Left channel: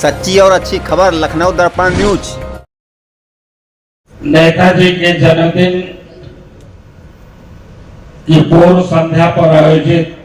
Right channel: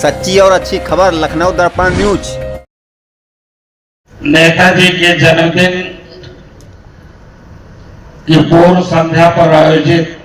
सच्ची और अच्छी खबर लखनऊ दर्पण न्यूज। नेताजी के जन्मदिन की पूर्व संध्या पर आयोजित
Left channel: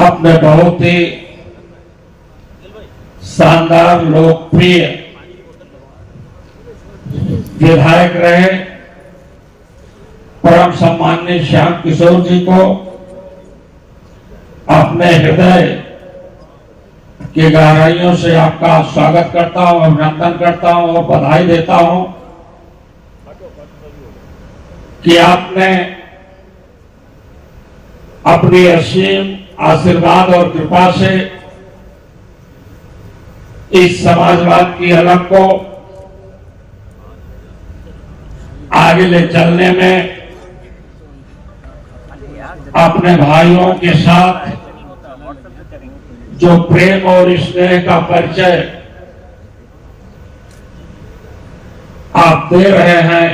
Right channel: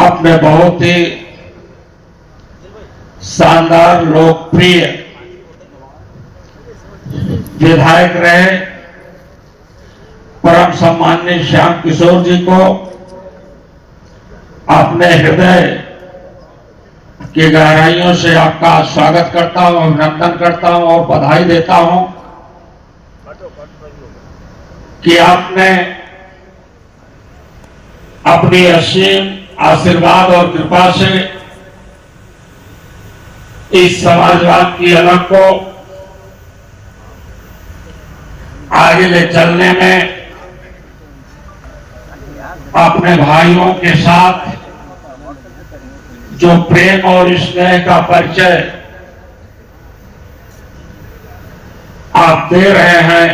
अपने बहुत ही शानदार लोकप्रिय विधायक रहे परम सम्माननीय श्याम किशोर जी को अपने हृदय की गहराइयों से आपका स्वागत करता हूं, अभिनंदन करता हूं और बधाई देता हूं कि आपने अपनी असीम आशीर्वाद और कृपा से इस समाजवाद की अलग को आगे ले चलने में अपने भाइयों के साथ जो प्रेम और स्नेह का परिचय आप दे रहे हैं,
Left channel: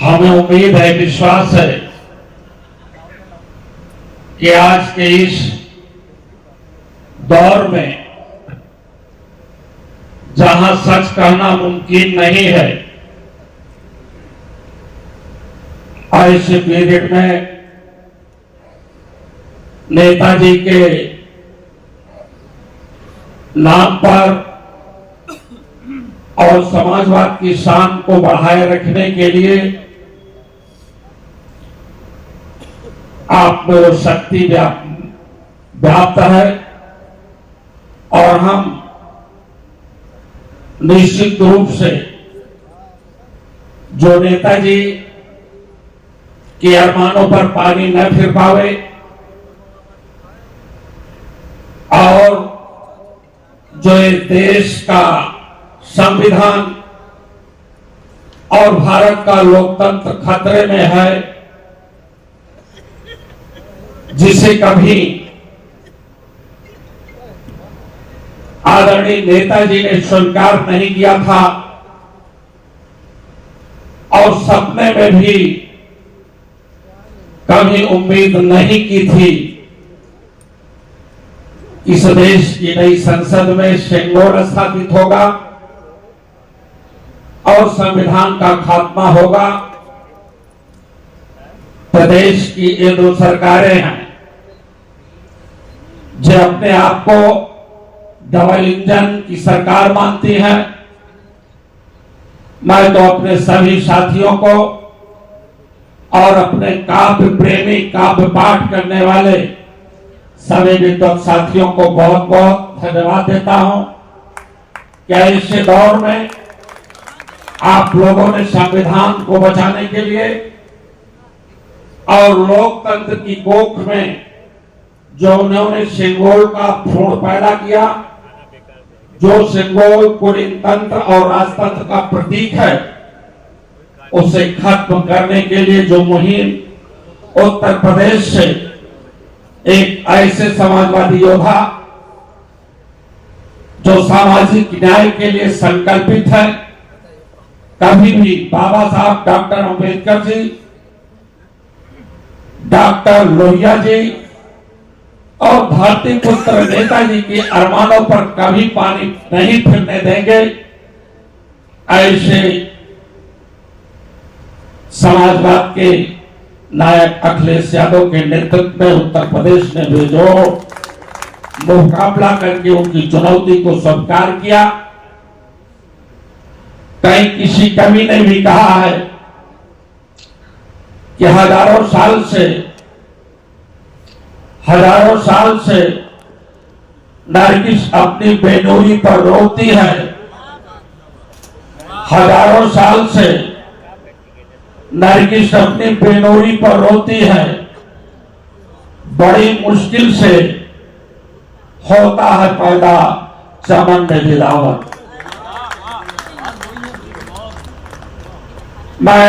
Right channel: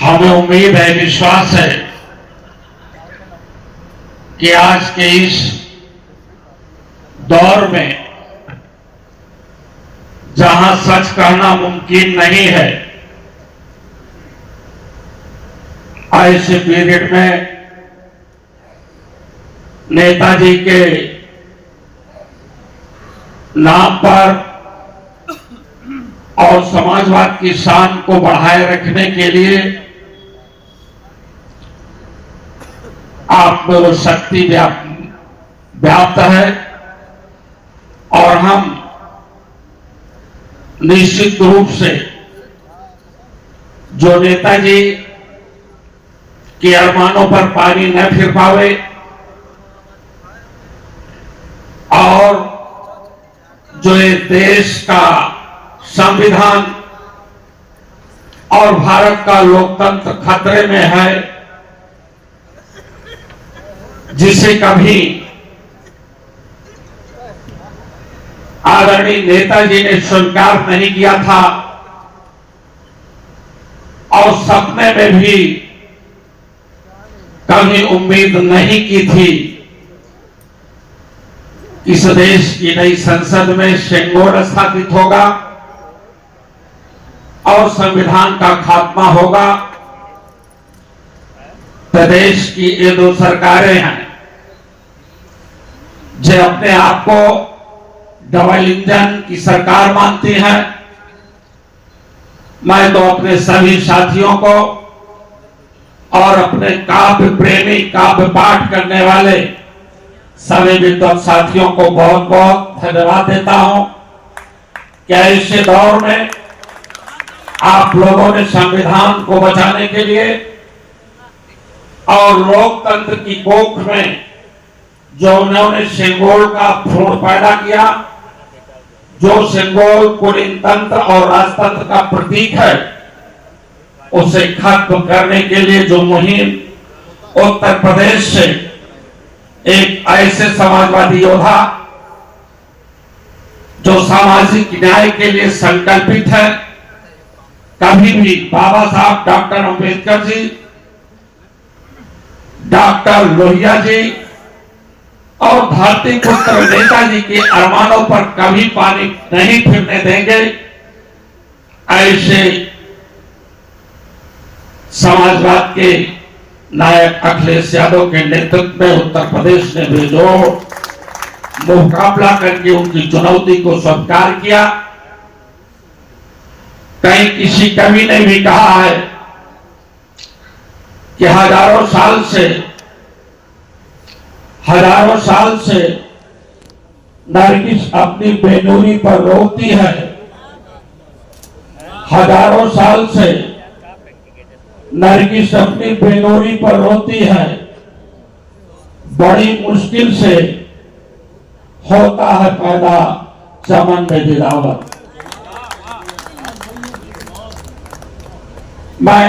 हमें उम्मीद है, विश्वास है कि आज के इस दौर में जहां सच कहना मुमकिन नहीं है, ऐसे पीरियड में नेताजी के नाम पर और समाजवाद की शान को बढ़ाए रखने के लिए आप में वो शक्ति व्याप्त है और हम निश्चित रूप से जो नेताजी के अरमानों पर पानी न फिर पावे और जो इस देश का संविधान और भारत का लोकतंत्र खतरे में है, जिसे कभी आदरणीय नेताजी ने स्वीकार नहीं किया था और सपने में भी कभी उम्मीद नहीं की थी, इस देश की नई संसद में शेंगोल स्थापित होगा और संविधान का खात्मा होगा। प्रदेश की ये दो सरकारें हैं जो अपने आप को डबल इंजन की सरकार मानती हैं। मैं तो अपने सभी साथियों को और अपने काव्य प्रेमी, काव्य पाठ करने वाले सभी विद्वान साथियों को बहुत बहुत धन्यवाद देता हूं कि ऐसे दौर में आप लोगों ने संविधान को बचाने के लिए और लोकतंत्र की कोख में जो उन्होंने सिंगोल का भ्रूण पैदा किया, जो सिंगोल कुलीन तंत्र और राजतंत्र का प्रतीक है, उसे खत्म करने के लिए जो मुहिम उत्तर प्रदेश से एक ऐसे समाजवादी योद्धा जो सामाजिक न्याय के लिए संकल्पित है, कभी भी बाबा साहब डॉक्टर अंबेडकर जी, डॉक्टर लोहिया जी और धरती पुत्र नेताजी के अरमानों पर कभी पानी नहीं फिरने देंगे। ऐसे समाजवाद के नायक अखिलेश यादव के नेतृत्व में उत्तर प्रदेश ने बेजोड़ मुकाबला करके उनकी चुनौती को स्वीकार किया। कहीं किसी कवि ने भी कहा है कि हजारों साल से नरगिस अपनी बेनूरी पर रोती है, हजारों साल से नरगिस अपनी बेनूरी पर रोती है, बड़ी मुश्किल से होता है पैदा चमन में दिलावत। मैं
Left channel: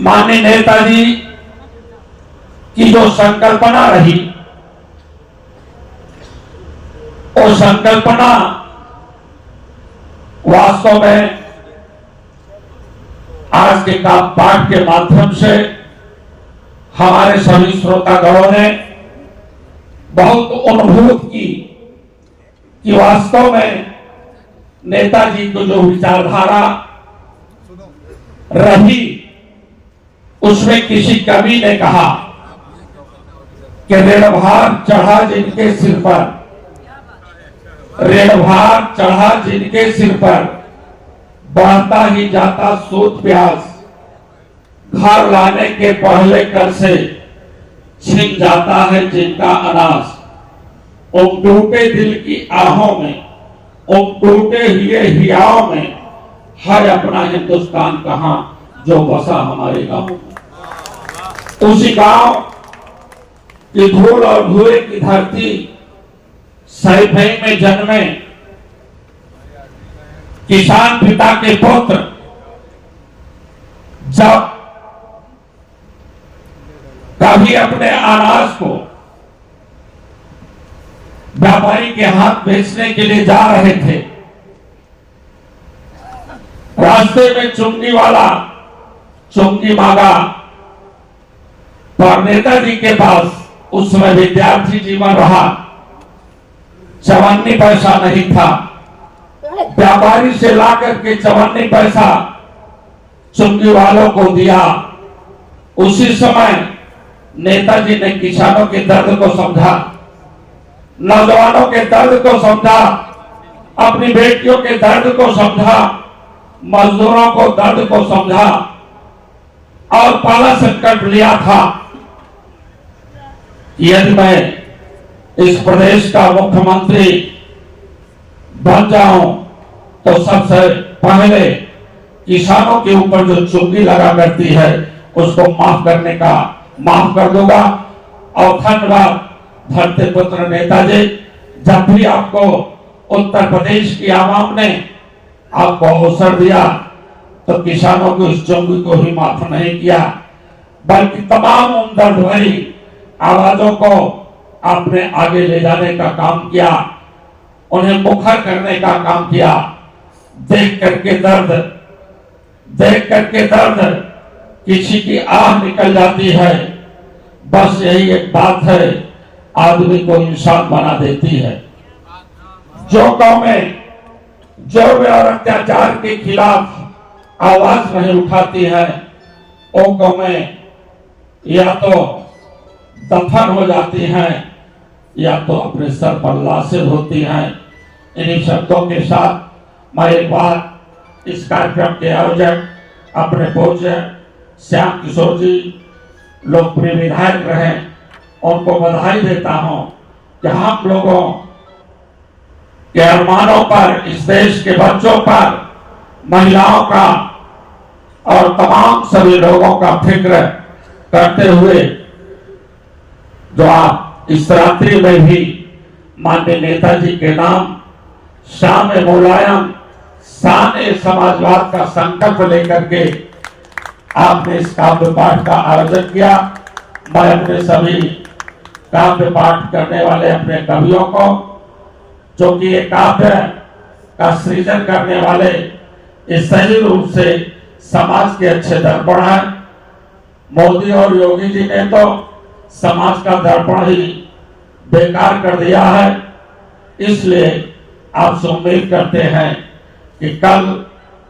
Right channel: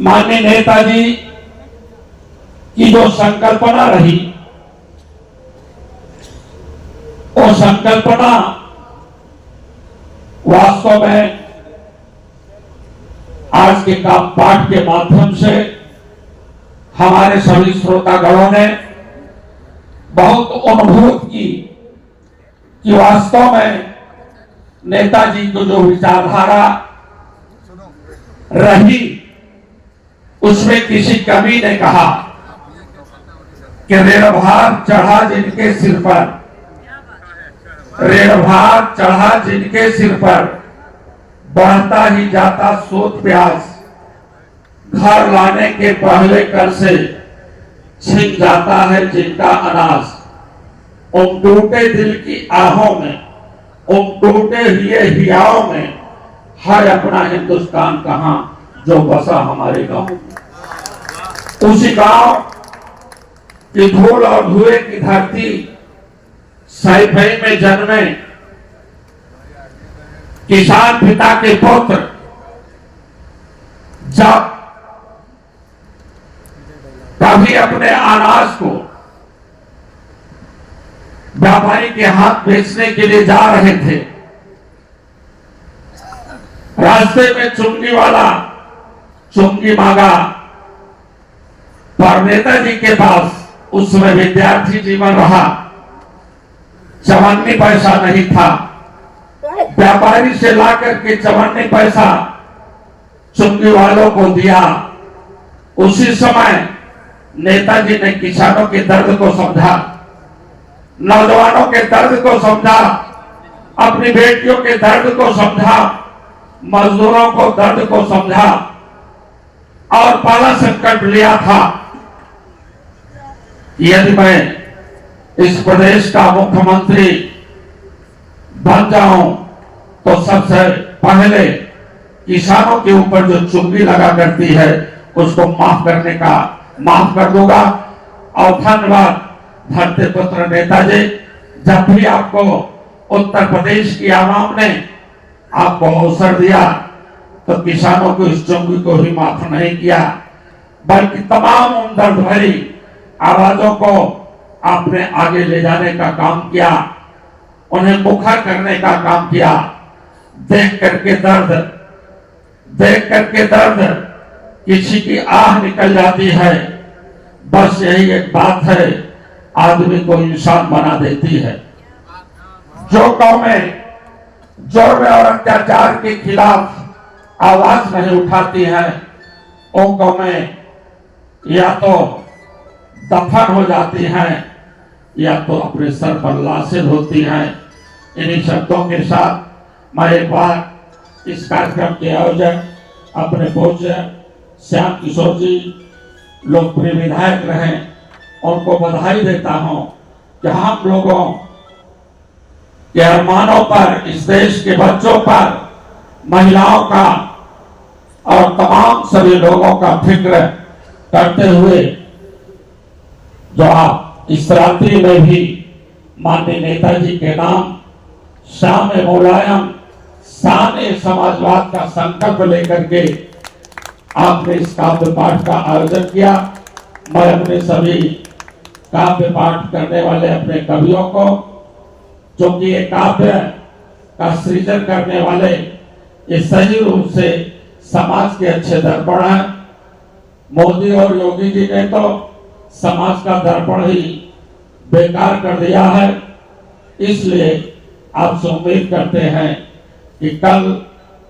माननीय नेताजी की जो संकल्पना रही, वो संकल्पना वास्तव में आज के पाठ के माध्यम से हमारे सभी श्रोतागणों ने बहुत अनुभूत की कि वास्तव में नेताजी को जो विचारधारा रही उसमें किसी कवि ने कहा कि ऋणभार चढ़ा जिनके सिर पर, ऋणभार चढ़ा जिनके सिर पर, बढ़ता ही जाता सूद प्याज, घर लाने के पहले कर से छिन जाता है जिनका अनाज। उन टूटे दिल की आहों में, उन टूटे हुए हियाओं में है अपना हिंदुस्तान कहां जो बसा हमारे गांव में। उसी गांव की धूल और धुएं की धरती सैफई में जन्मे किसान पिता के पुत्र जब कभी अपने अनाज को व्यापारी के हाथ बेचने के लिए जा रहे थे, रास्ते में चुंगी वाला चुंगी मांगा, पर नेताजी के पास उस समय विद्यार्थी जीवन रहा, 54 पैसा नहीं था। व्यापारी से लाकर के 54 पैसा चुंगी वालों को दिया। उसी समय नेताजी ने किसानों के दर्द को समझा, नौजवानों के दर्द को समझा, अपनी बेटियों के दर्द को समझा, मजदूरों को दर्द को समझा और पहला संकल्प लिया था यदि मैं इस प्रदेश का मुख्यमंत्री बन जाऊं तो सबसे पहले किसानों के ऊपर जो चुंगी लगा करती है उसको माफ कर दूंगा। और धन्यवाद धरती पुत्र नेताजी, जब भी आपको उत्तर प्रदेश की आवाम ने आपको अवसर दिया तो किसानों को इस चुंगी को ही माफ नहीं किया, बल्कि तमाम उन दर्द भरी आवाजों को आपने आगे ले जाने का काम किया, उन्हें मुखर करने का काम किया। देख करके दर्द किसी की आह निकल जाती है। बस यही एक बात है, आदमी को इंसान बना देती है। जो कौमें जुर्म और अत्याचार के खिलाफ आवाज नहीं उठाती है, वो कौमें या तो दफन हो जाती हैं या तो अपने सर पर लाशें होती हैं। इन्हीं शब्दों के साथ मैं एक बार इस कार्यक्रम के आयोजक अपने पूज्य श्याम किशोर जी लोकप्रिय विधायक रहे, उनको बधाई देता हूं कि हम लोगों के अरमानों पर, इस देश के बच्चों पर, महिलाओं का और तमाम सभी लोगों का फिक्र करते हुए जो आप इस रात्रि में भी माननीय नेताजी के नाम शाम मुलायम शान समाजवाद का संकल्प लेकर के आपने इस काव्य पाठ का आयोजन किया। मैं अपने सभी काव्य पाठ करने वाले अपने कवियों को, जो कि ये काव्य का सृजन करने वाले ये सही रूप से समाज के अच्छे दर्पण है। मोदी और योगी जी ने तो समाज का दर्पण ही बेकार कर दिया है, इसलिए आपसे उम्मीद करते हैं कि कल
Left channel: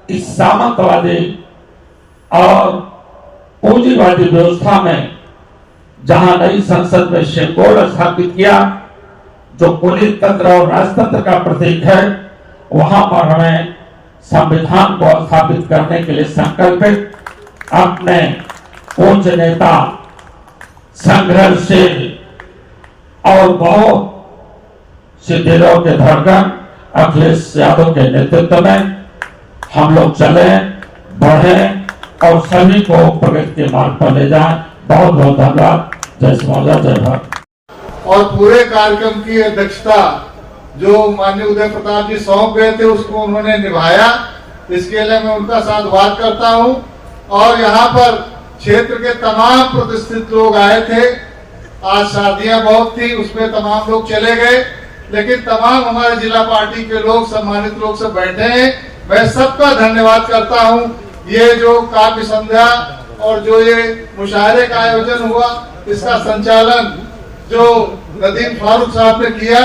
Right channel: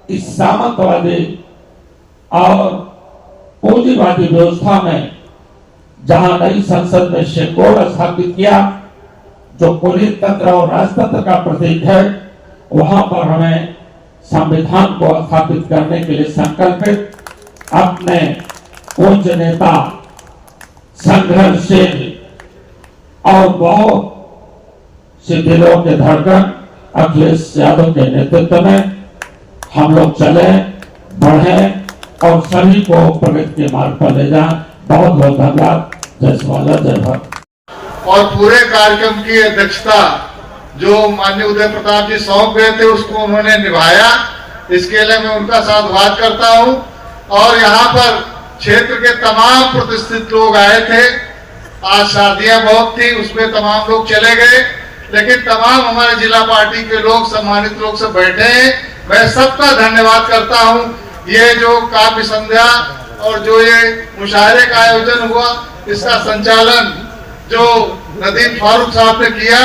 इस सामंतवादी और पूंजीवादी व्यवस्था में जहां नई संसद में शेंगोल स्थापित किया, जो पुलिस तंत्र और राजतंत्र का प्रतीक है, वहां पर हमें संविधान को स्थापित करने के लिए संकल्पित अपने पूज्य नेता, संघर्षशील और बहुत से दिलों के धड़कन अखिलेश यादव के नेतृत्व में हम लोग चले, बढ़े और सभी को प्रगति के मार्ग पर ले जाए। बहुत बहुत धन्यवाद। जय शिवाला, जय भारत। और पूरे कार्यक्रम की अध्यक्षता जो माननीय उदय प्रताप जी सौंप गए थे उसको उन्होंने निभाया, इसके लिए मैं उनका साधुवाद करता हूं। और यहाँ पर क्षेत्र के तमाम प्रतिष्ठित लोग आए थे। आज शादियां बहुत थी, उसमें तमाम लोग चले गए, लेकिन तमाम हमारे जिला पार्टी के लोग, सम्मानित लोग सब बैठे हैं। मैं सबका धन्यवाद करता हूं। ये जो काव्य संध्या और जो ये मुशायरे का आयोजन हुआ, इसका संचालन जो नदीम फारूक साहब ने किया,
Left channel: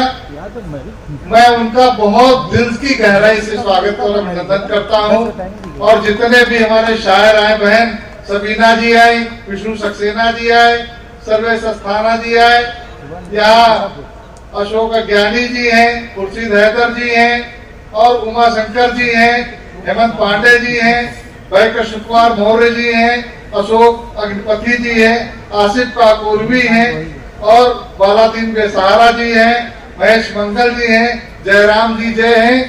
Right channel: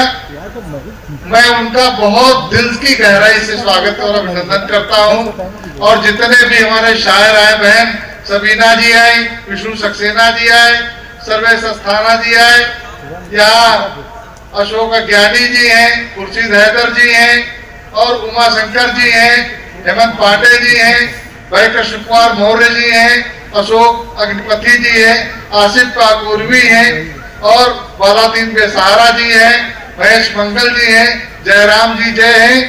मैं उनका बहुत दिल की गहराई से स्वागत और अभिनंदन करता हूं। और जितने भी हमारे शायर आए, बहन सबीना जी आई, विष्णु सक्सेना जी आए, सर्वेश अस्थाना जी आए, यहाँ अशोक ज्ञानी जी हैं, खुर्शीद हैदर जी हैं और उमा शंकर जी हैं, हेमंत पांडे जी हैं, भाई कृष्ण कुमार मौर्य जी हैं, अशोक अग्निपति जी हैं, आसिफ काकुरवी हैं और बालादीन बेसहारा जी हैं, महेश मंगल जी हैं, जयराम जी जय हैं।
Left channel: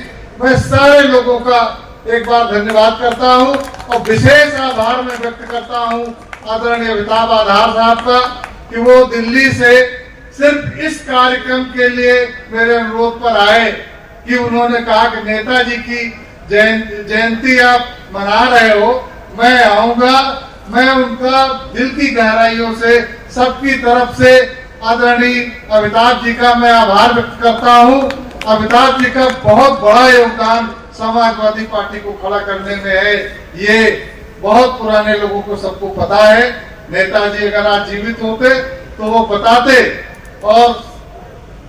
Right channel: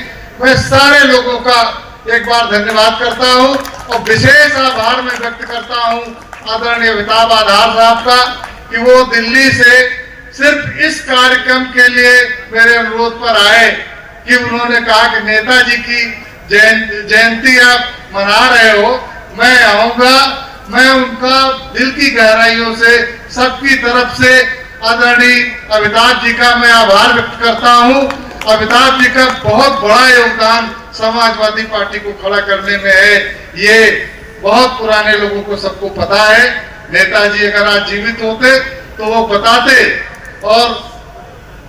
मैं सारे लोगों का एक बार धन्यवाद करता हूं और विशेष आभार मैं व्यक्त करता हूं आदरणीय अमिताभ आधार साहब का कि वो दिल्ली से सिर्फ इस कार्यक्रम के लिए मेरे अनुरोध पर आए कि उन्होंने कहा कि नेताजी की जयंती आप मना रहे हो, मैं आऊंगा। मैं उनका दिल की गहराइयों से सबकी तरफ से आदरणीय अमिताभ जी का मैं आभार व्यक्त करता हूं। अमिताभ जी का बहुत बड़ा योगदान समाजवादी पार्टी को खड़ा करने में है, ये बहुत पुराने लोगों को सबको पता है। नेताजी अगर आज जीवित होते तो वो बताते और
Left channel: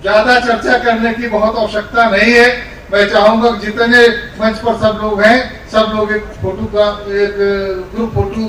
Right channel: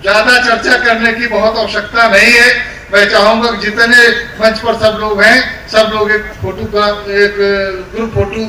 ज्यादा चर्चा करने की बहुत आवश्यकता नहीं है। मैं चाहूंगा कि जितने मंच पर सब लोग हैं, सब लोग एक फोटो का एक ग्रुप फोटो